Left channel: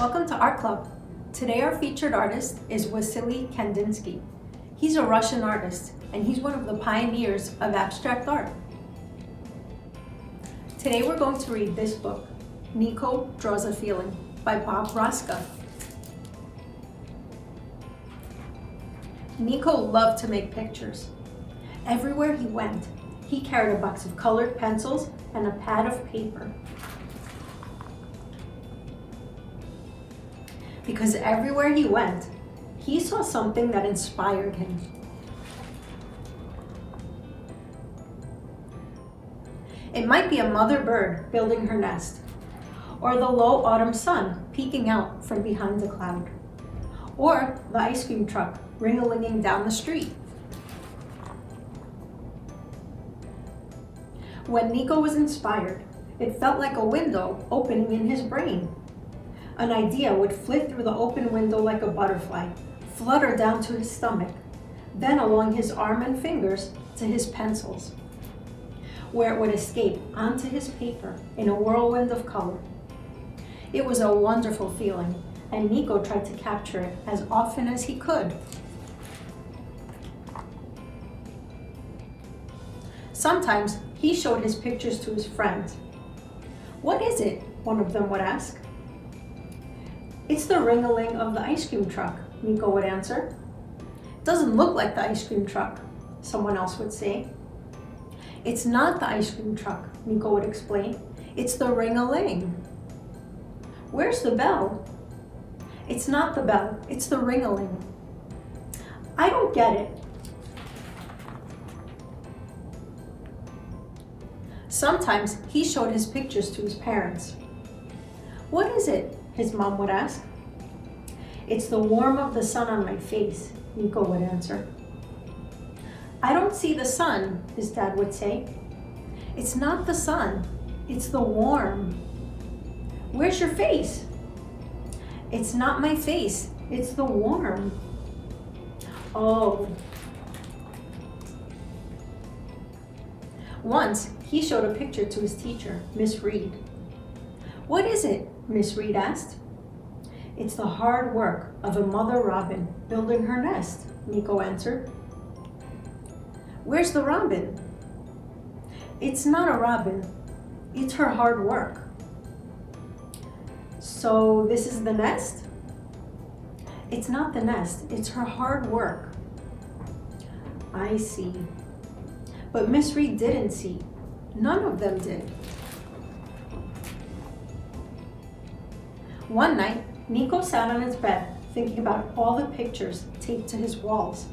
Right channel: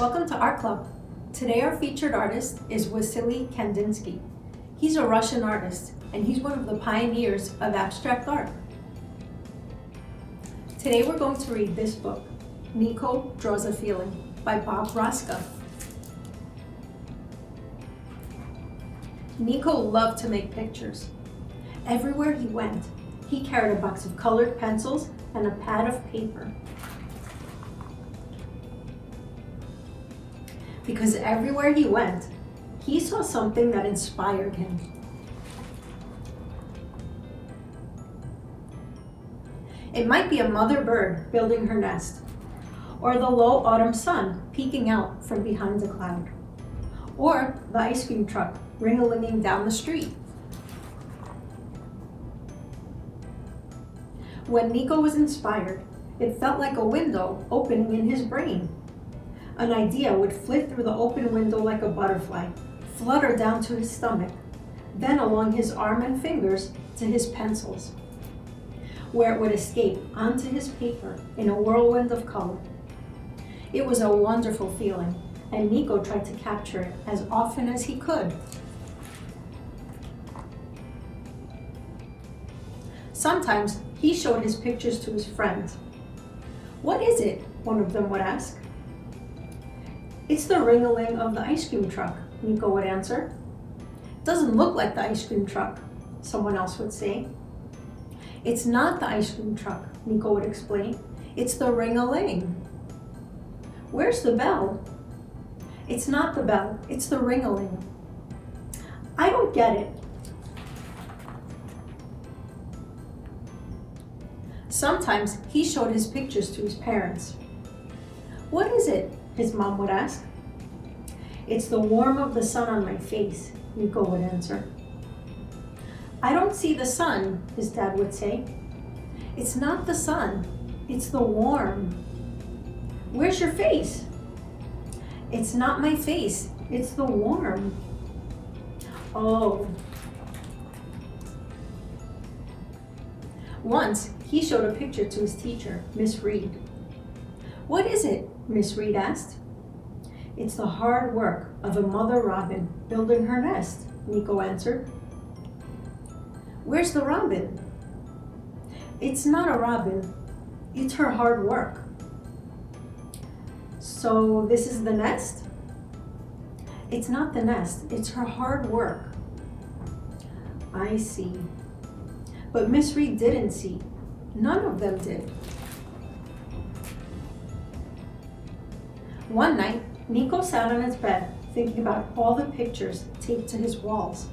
Welcome to Art Club. Today our featured artist is Wassily Kandinsky. He's a Russian artist and he's one of the pioneers of abstract art. Today we're going to read this book, Nico Draws a Feeling by Bob Roska. Nico loved to make pictures. Everywhere he went, he carried a box of colored pencils and a pad of paper. Because everywhere he went, he saw something that inspired him. It might be a mother bird building her nest, or the low autumn sun peeking out from behind a cloud, or the ice cream truck ring-a-linging down the street. When Nico was inspired, it felt like a window opening in his brain. An idea would flit through the open window like a butterfly, flutter down to his stomach, then along his arm and fingers to his pencils, where it would escape onto his paper in a whirlwind of color. It was a wonderful feeling, and Nico tried to capture it as often as he could. Sometimes he showed his pictures to his friends. "What is it?" one of them would ask. "It's the ring-a-ling of the ice cream truck," Nico would answer. "Doesn't look like the ice cream truck," someone else would say. "It's not the ice cream truck," Nico would explain. "It's the ring-a-ling." "Where's the bell?" "It's not the bell, it's the ring-a-ling." "I don't get it." Sometimes he showed his pictures to his parents. "What is it?" his mom would ask. "It's the warmth of the sun on my face," Nico would answer. "I don't see the sun," his dad would say. "It's not the sun, it's the warmth." "Where's your face?" "It's not my face, it's the warmth." "Oh." Once, he showed a picture to his teacher, Miss Reed. "What is it?" Miss Reed asked. "It's the hard work of a mother robin building her nest," Nico answered. "Where's the robin?" "It's not a robin, it's her hard work." "So this is the nest?" "It's not the nest, it's her hard work." "I see." But Miss Reed didn't see. None of them did. One night, Nico sat on his bed thinking about all the pictures taped to his walls.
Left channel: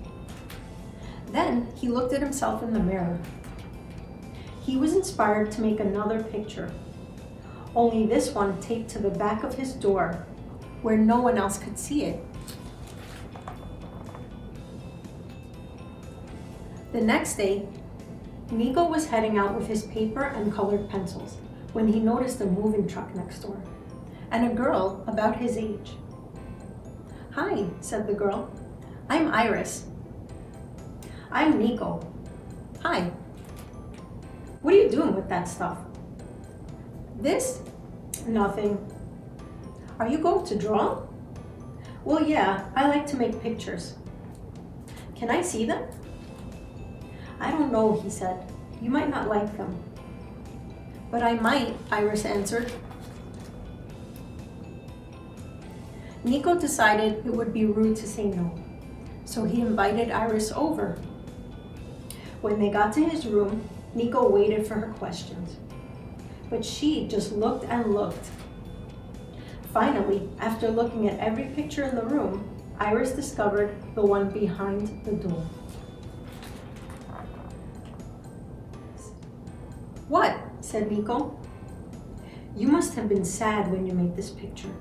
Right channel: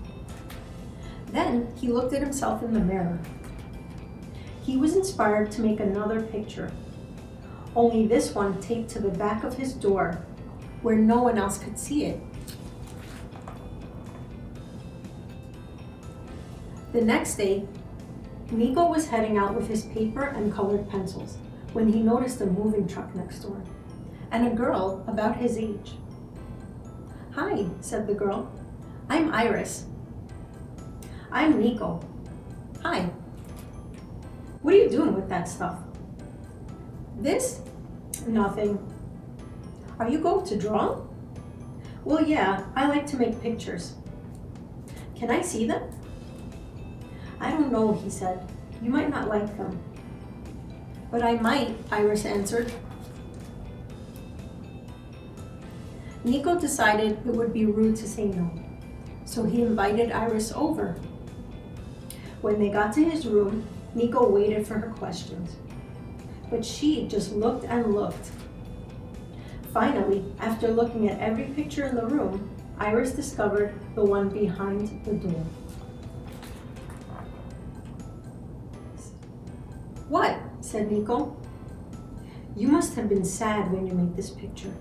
Then he looked at himself in the mirror. He was inspired to make another picture, only this one taped to the back of his door where no one else could see it. The next day, Nico was heading out with his paper and colored pencils when he noticed a moving truck next door and a girl about his age. "Hi," said the girl. "I'm Iris." "I'm Nico." "Hi." "What are you doing with that stuff?" "This? Nothing." "Are you going to draw?" "Well, yeah, I like to make pictures." "Can I see them?" "I don't know," he said. "You might not like them." "But I might," Iris answered. Nico decided it would be rude to say no, so he invited Iris over. When they got to his room, Nico waited for her questions, but she just looked and looked. Finally, after looking at every picture in the room, Iris discovered the one behind the door. "What?" said Nico. "You must have been sad when you made this picture."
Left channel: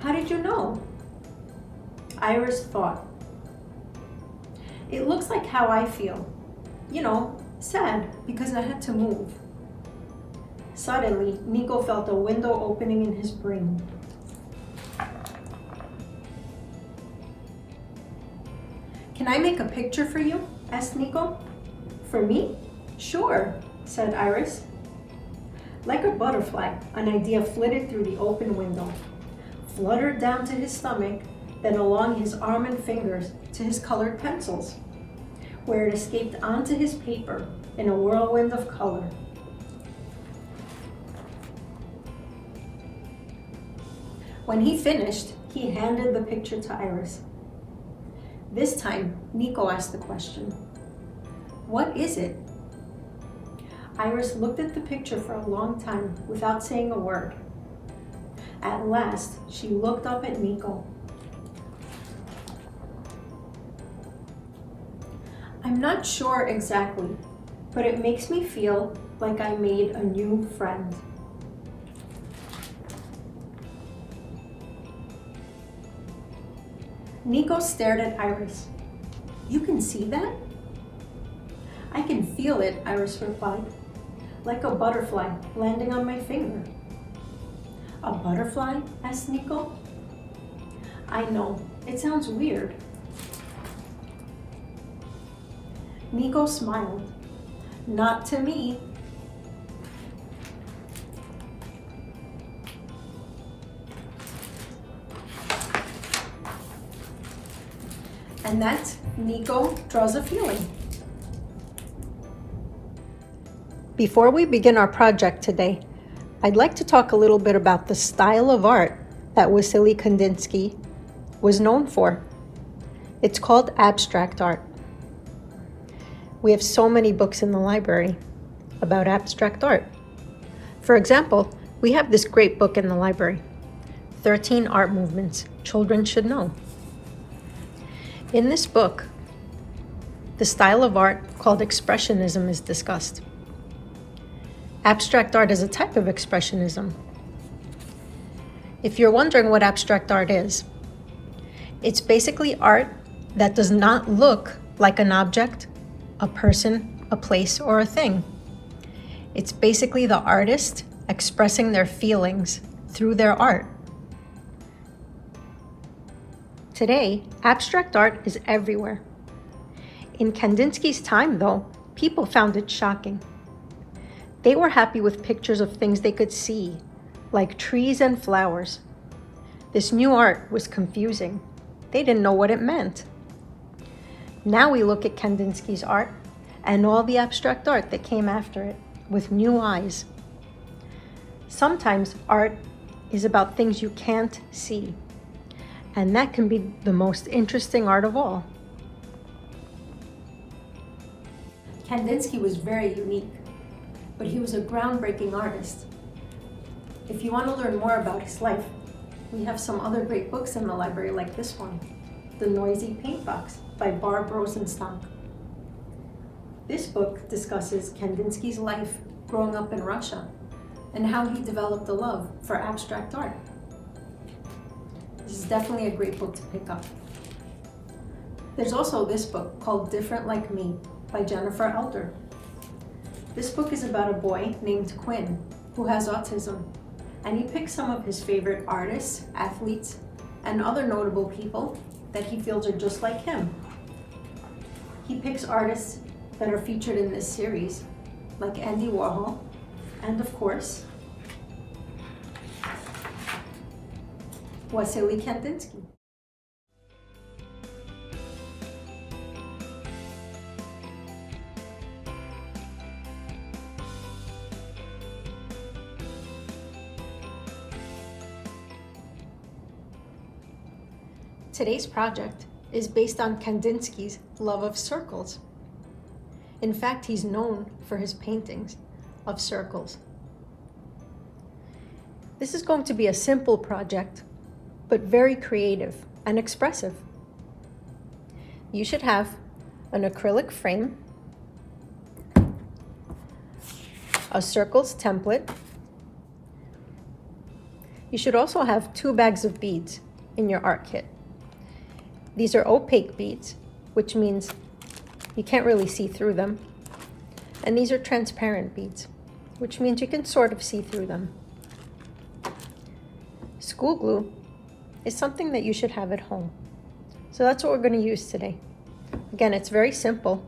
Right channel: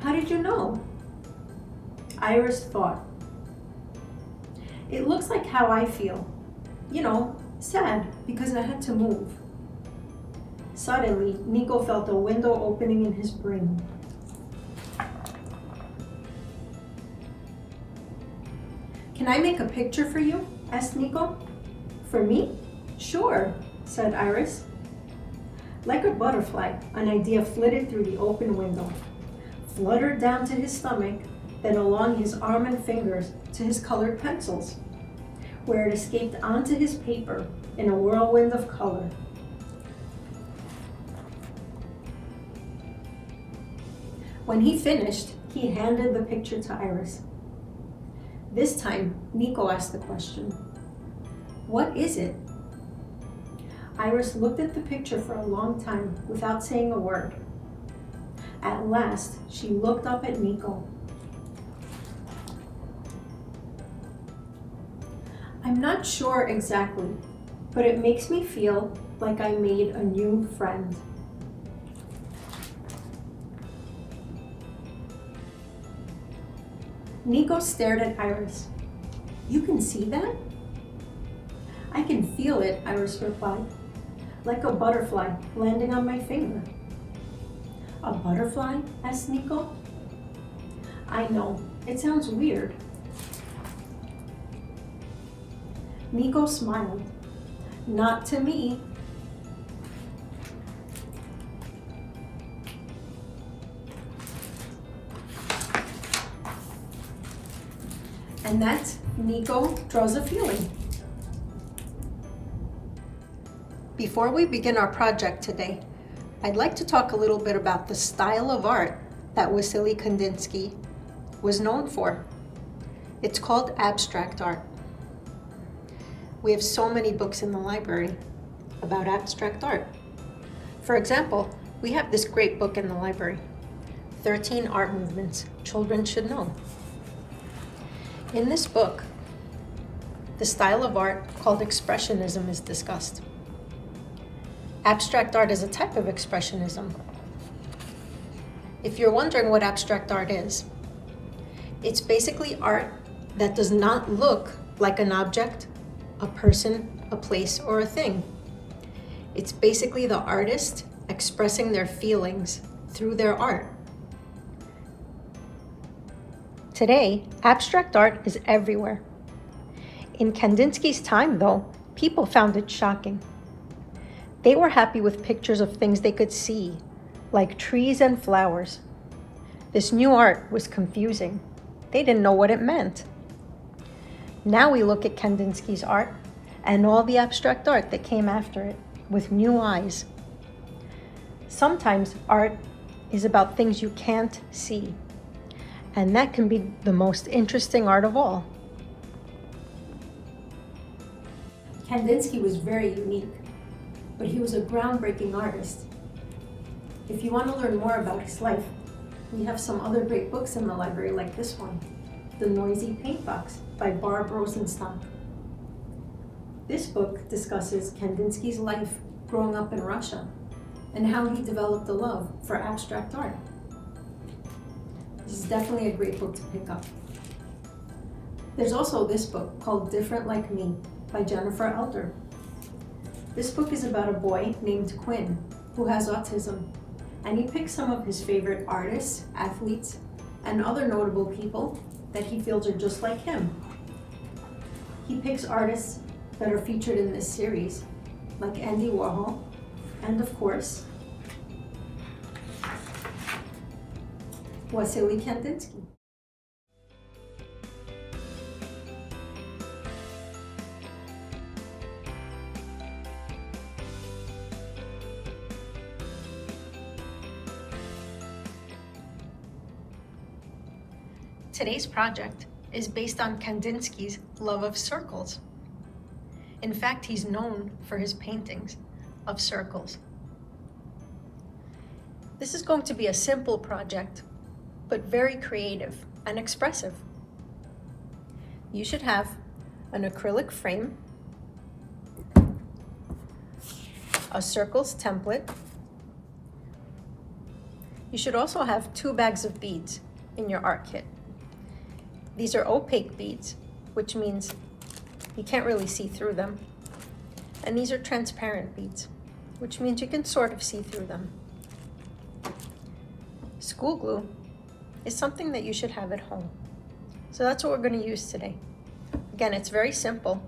"How did you know?" Iris thought. "It looks like how I feel. You know, sad because I had to move." Suddenly, Nico felt a window opening in his brain. "Can I make a picture for you?" asked Nico. "For me? Sure," said Iris. Like a butterfly, an idea flitted through the open window, fluttered down to his stomach, then along his arm and fingers to his colored pencils, where it escaped onto his paper in a whirlwind of color. When he finished, he handed the picture to Iris. This time, Nico asked the question, "What is it?" Iris looked at the picture for a long time without saying a word. At last, she looked up at Nico. "I'm not sure exactly, but it makes me feel like I made a new friend." Nico stared at Iris. "You can see that?" "I can feel it," Iris replied. "Like a butterfly landing on my finger." "A butterfly?" asked Nico. "I know, it sounds weird." Nico smiled. "Not to me." And that's Nico Draws a Feeling. Before we begin our project today, I'd like to talk a little bit about the style of art that Wassily Kandinsky was known for. It's called abstract art. We have so many books in the library about abstract art. For example, we have this great book in the library, 13 Art Movements Children Should Know. In this book, the style of art called expressionism is discussed. Abstract art is a type of expressionism. If you're wondering what abstract art is, it's basically art that does not look like an object, a person, a place, or a thing. It's basically the artist expressing their feelings through their art. Today, abstract art is everywhere. In Kandinsky's time, though, people found it shocking. They were happy with pictures of things they could see, like trees and flowers. This new art was confusing. They didn't know what it meant. Now we look at Kandinsky's art and all the abstract art that came after it with new eyes. Sometimes art is about things you can't see, and that can be the most interesting art of all. Kandinsky was very unique, but he was a groundbreaking artist. If you want to learn more about his life, we have some other great books in the library like this one, The Noisy Paint Box by Barb Rosenstock. This book discusses Kandinsky's life growing up in Russia and how he developed a love for abstract art. This is definitely a great book to pick up. There's also this book called Different Like Me by Jennifer Elder. This book is about a boy named Quinn who has autism, and he picks some of his favorite artists, athletes, and other notable people that he feels are just like him. He picks artists that are featured in this series, like Andy Warhol, and of course, Wassily Kandinsky. Today's project is based on Kandinsky's love of circles. In fact, he's known for his paintings of circles. This is going to be a simple project, but very creative and expressive. You should have an acrylic frame, a circles template. You should also have 2 bags of beads in your art kit. These are opaque beads, which means you can't really see through them. And these are transparent beads, which means you can sort of see through them. School glue is something that you should have at home. So that's what we're going to use today. Again, it's very simple,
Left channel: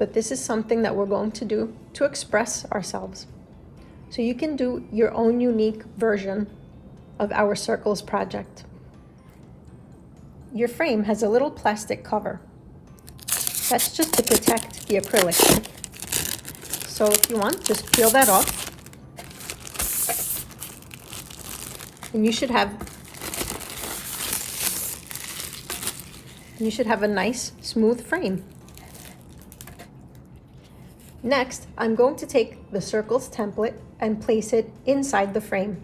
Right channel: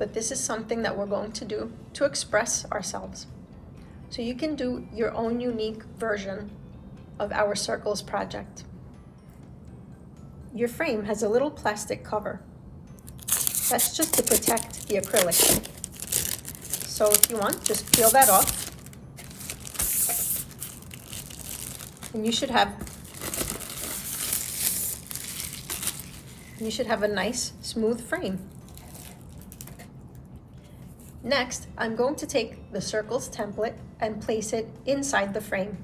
but this is something that we're going to do to express ourselves. So you can do your own unique version of our circles project. Your frame has a little plastic cover. That's just to protect the acrylic. So if you want, just peel that off. And you should have a nice, smooth frame. Next, I'm going to take the circles template and place it inside the frame.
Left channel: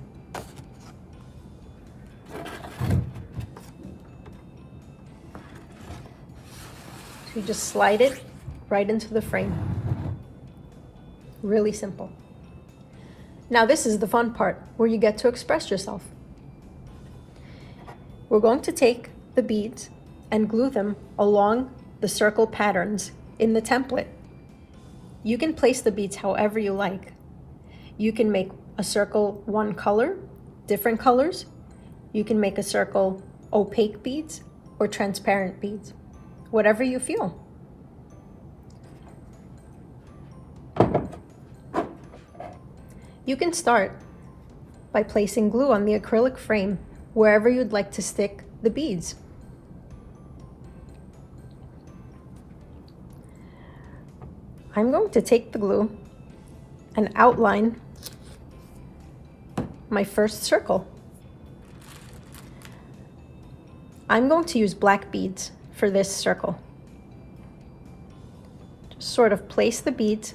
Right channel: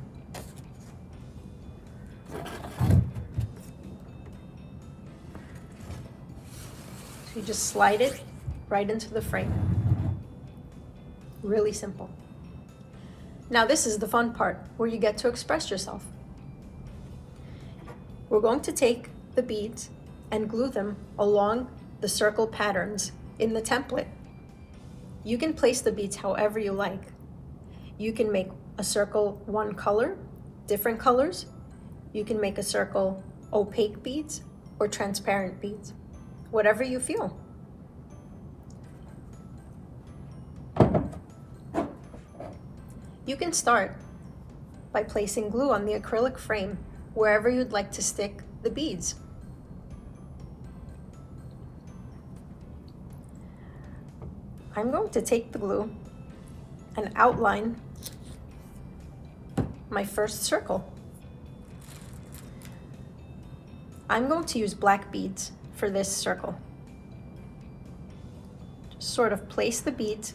So you just slide it right into the frame. Really simple. Now this is the fun part, where you get to express yourself. We're going to take the beads and glue them along the circle patterns in the template. You can place the beads however you like. You can make a circle one color, different colors. You can make a circle opaque beads or transparent beads, whatever you feel. You can start by placing glue on the acrylic frame wherever you'd like to stick the beads. I'm going to take the glue and outline my first circle. I'm going to use black beads for this circle. Just sort of place the beads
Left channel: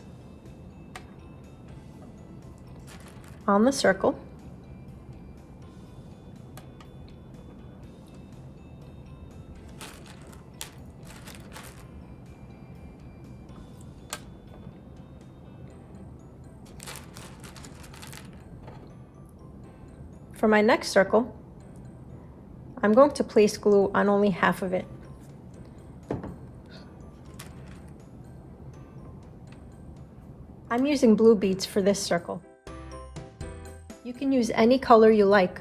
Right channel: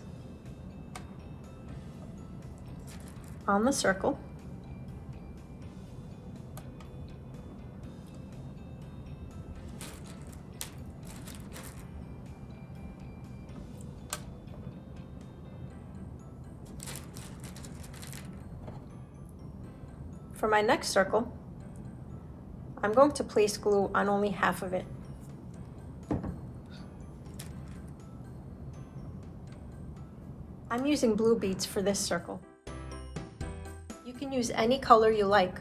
on the circle. For my next circle, I'm going to place glue on only half of it. I'm using blue beads for this circle. You can use any color you like,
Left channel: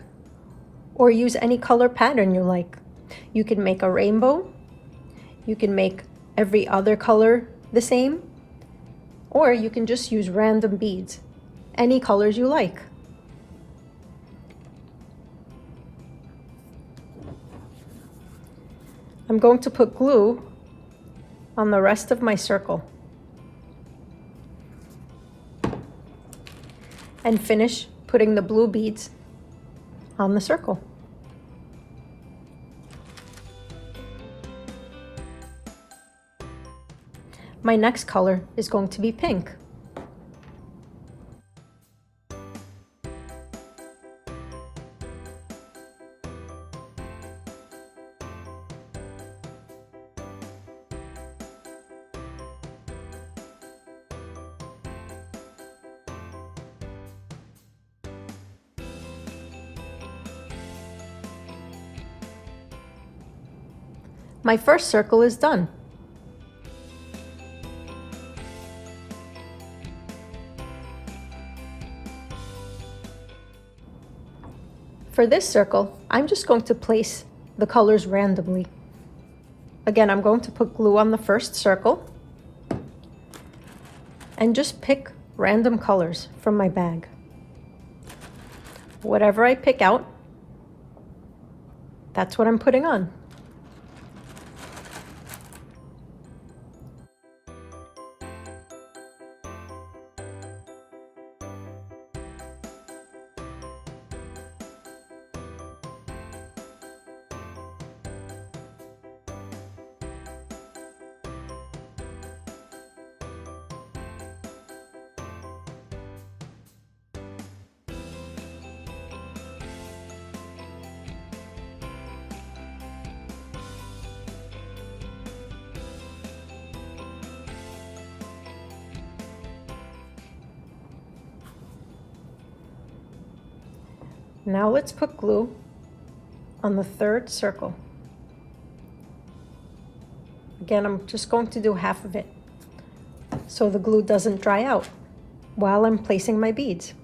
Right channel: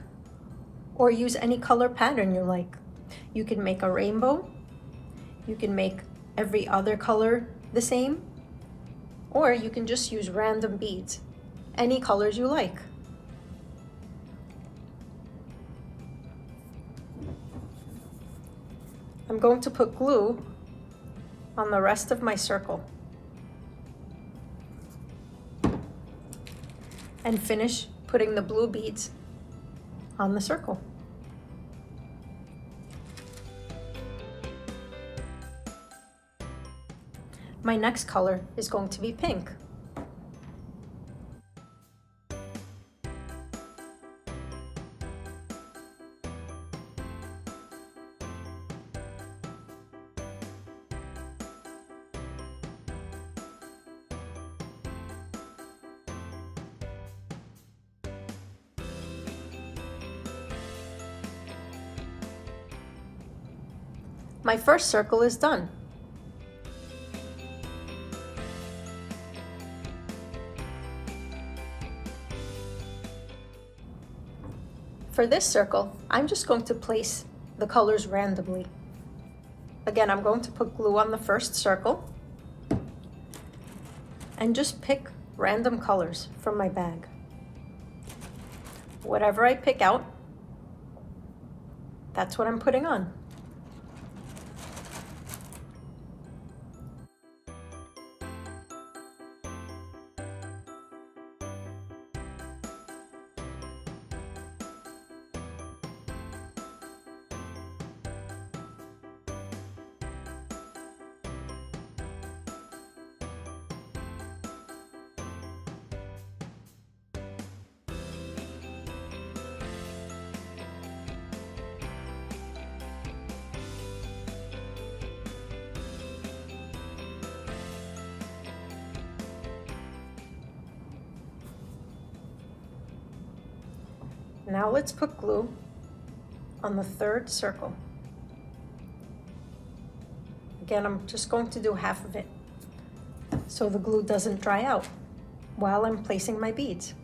or use any color pattern you like. You can make a rainbow, you can make every other color the same, or you can just use random beads, any colors you like. I'm going to put glue on the rest of my circle and finish putting the blue beads on the circle. My next color is going to be pink. My first circle is done. For this circle, I'm just going to place the colors randomly. Again, I'm going to put glue on the first circle and just pick random colors from my bag. Whatever I pick out, that's what I'm putting on. Now let's put glue on the third circle. Again, I'm just going to do half of it so the glue doesn't dry out while I'm placing my beads.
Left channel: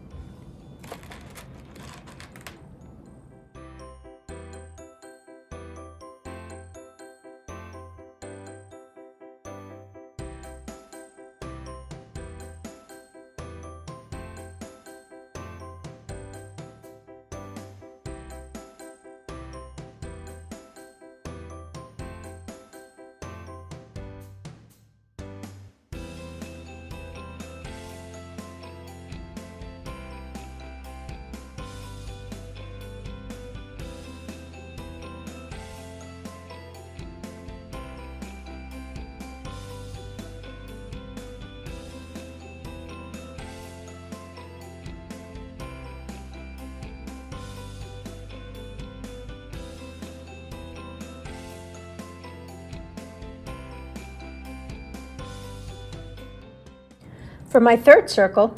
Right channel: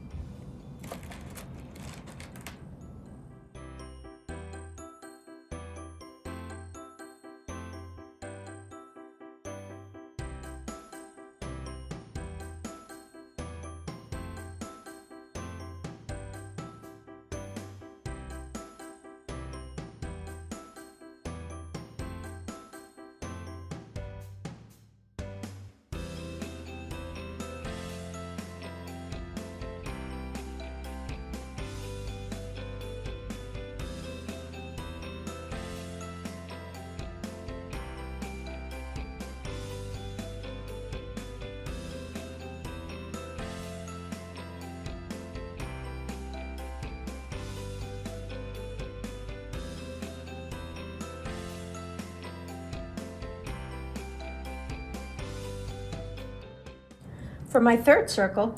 For my third circle,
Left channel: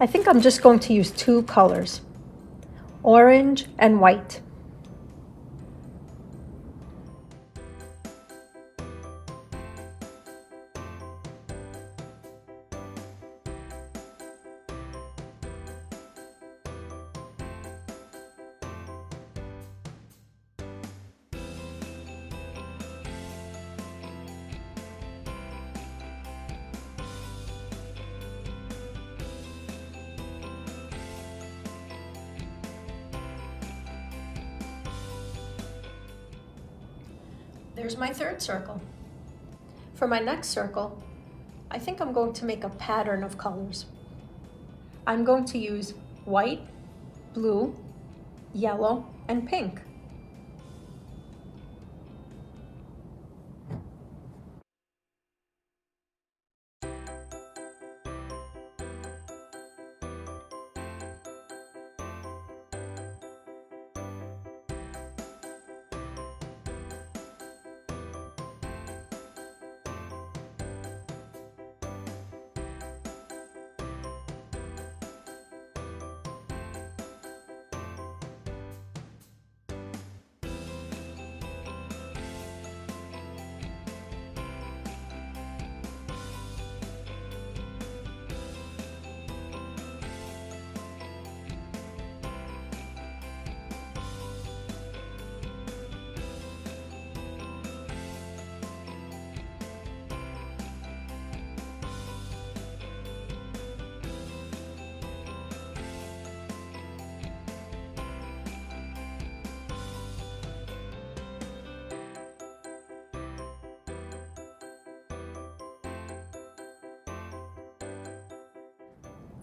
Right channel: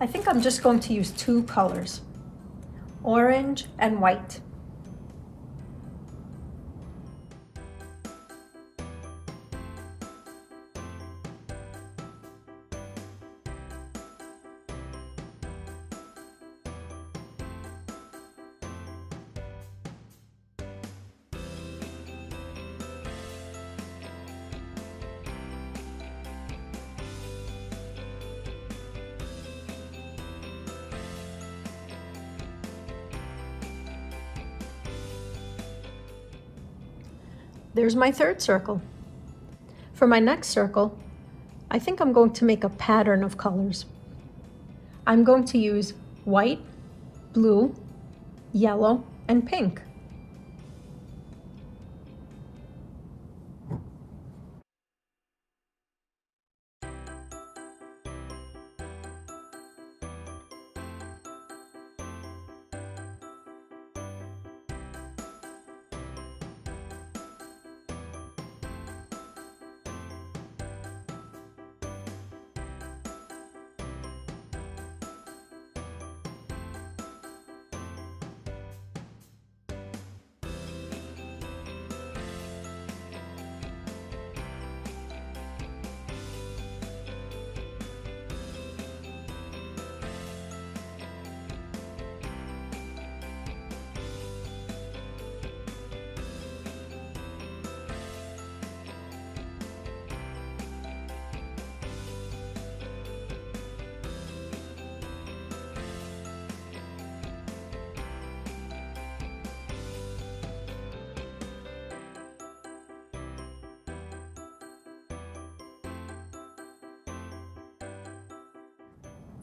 I think I'm just going to use two colors, orange and white. There's my third circle. For my next circle, I think I'm going to make a pattern of colors. I'm going to use white, blue, yellow, and pink.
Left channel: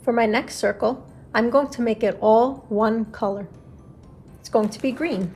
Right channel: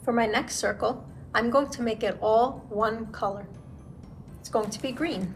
For my next circle, I'm going to make it all one color. It's going to be green.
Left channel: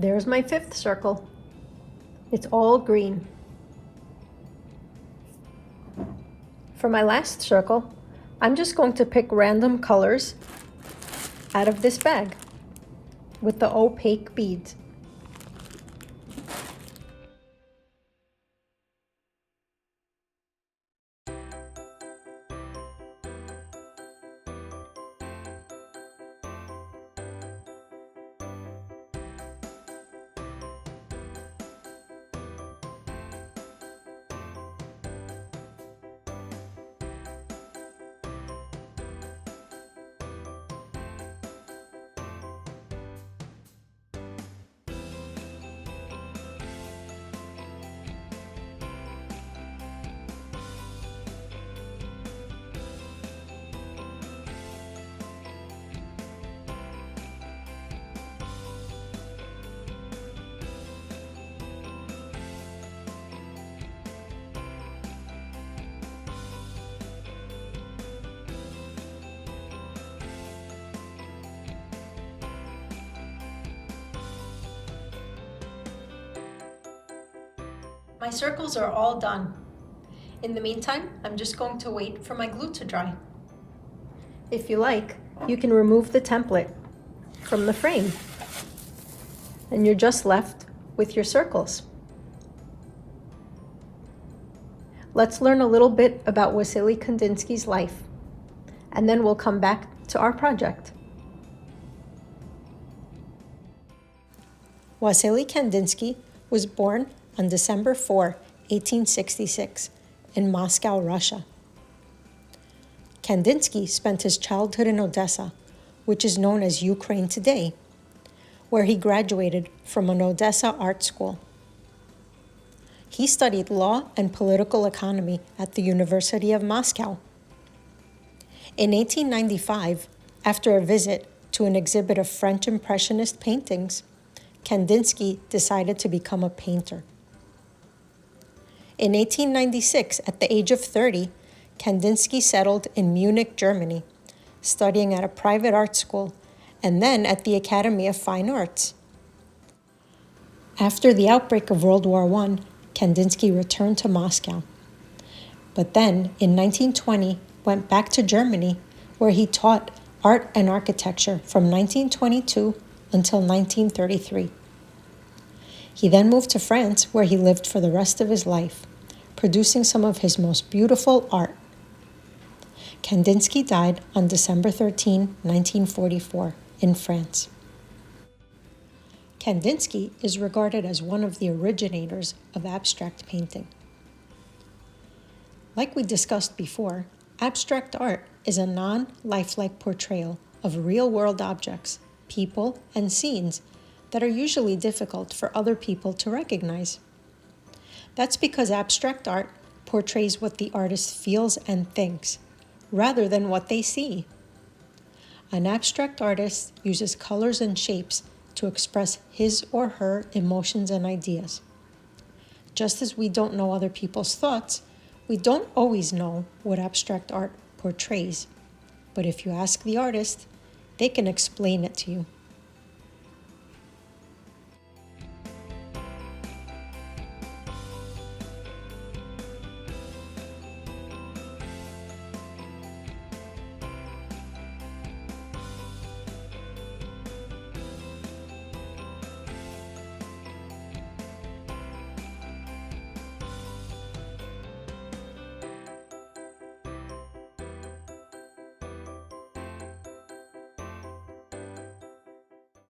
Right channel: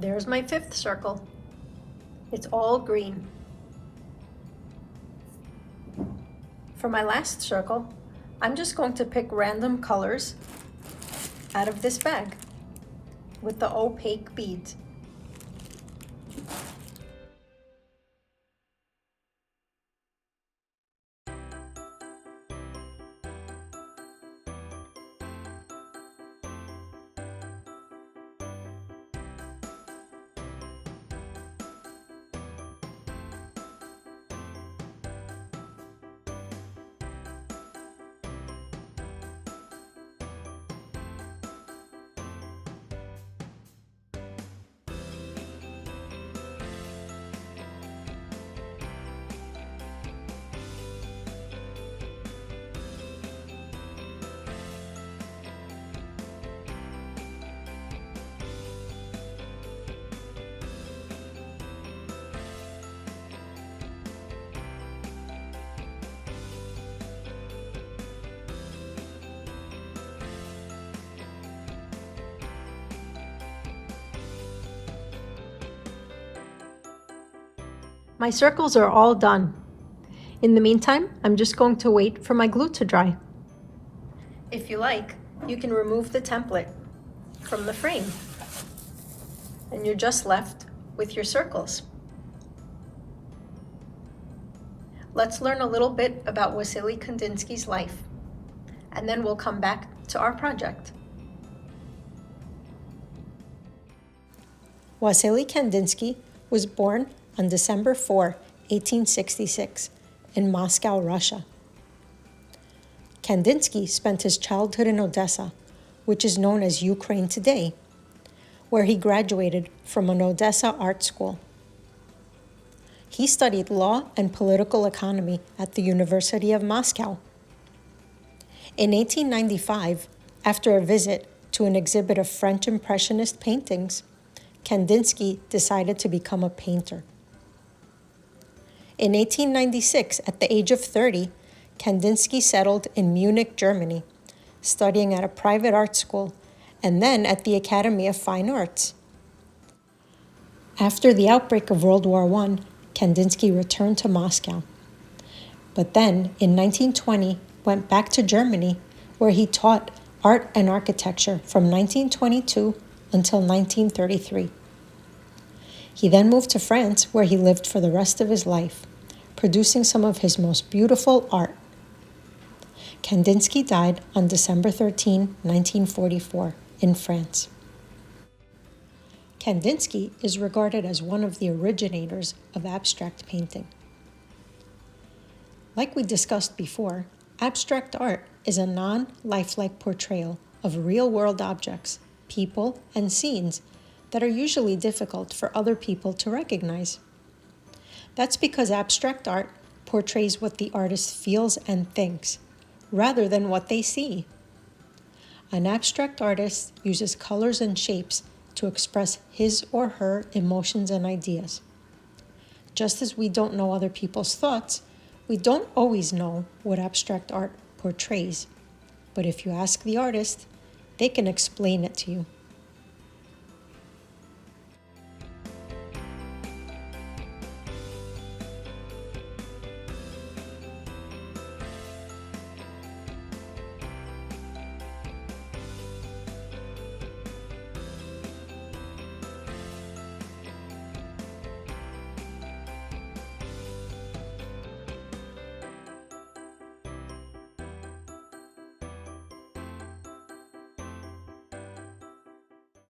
There's my fifth circle. It's all green. For my last circle, I'm just going to pick random colors out of this bag with the opaque beads. My circles are all done. In the meantime, I'm just going to wait for my glue to dry. If you like, you can remove the template from the frame, and you're just left with your circles. Let's learn a little bit about Wassily Kandinsky's life, and then we'll come back to our project. Wassily Kandinsky was born on December 4, 1866, in Moscow, Russia. Kandinsky spent his childhood in Odessa, which is known as Ukraine today, where he graduated from an Odessa art school. He studied law and political economy at the University of Moscow. In 1895, after a visit to an exhibit of French Impressionist paintings, Kandinsky decided to become a painter. In 1896, at the age of 30, Kandinsky settled in Munich, Germany, studying at a private art school and then at the Academy of Fine Arts. After the outbreak of World War I, Kandinsky returned to Moscow, but then in 1920 went back to Germany, where he taught art and architecture from 1922 until 1933. He then moved to France, where he lived for the rest of his life, producing some of his most beautiful art. Kandinsky died on December 13, 1944, in France. Kandinsky is regarded as one of the originators of abstract painting. Like we discussed before, abstract art is a non-lifelike portrayal of real-world objects, people, and scenes that are usually difficult for other people to recognize. That's because abstract art portrays what the artist feels and thinks, rather than what they see. An abstract artist uses colors and shapes to express his or her emotions and ideas. Just as we don't know other people's thoughts, we don't always know what abstract art portrays. But if you ask the artist, they can explain it to you.